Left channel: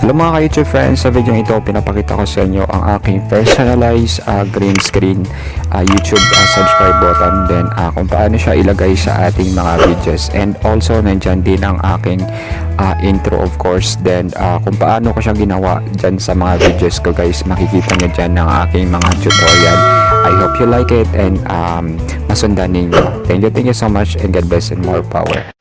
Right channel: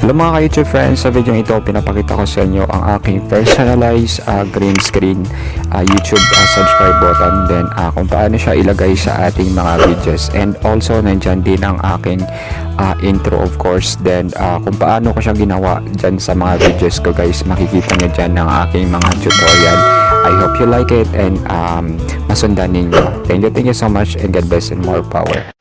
Hello mga ka-YouTube friends, sa video ito pinapakita ko sa inyo ang aking personalized green screen YouTube subscribe button, then kung paano siya ilagay sa ating mga videos, and also nandyan din ang aking intro of course, then kung paano ko siya ginawa dyan sa mga videos ko guys, makikita nyo dyan ng aking mga tutorial. I hope you like it and masundan ninyo. Thank you so much and God bless and more power.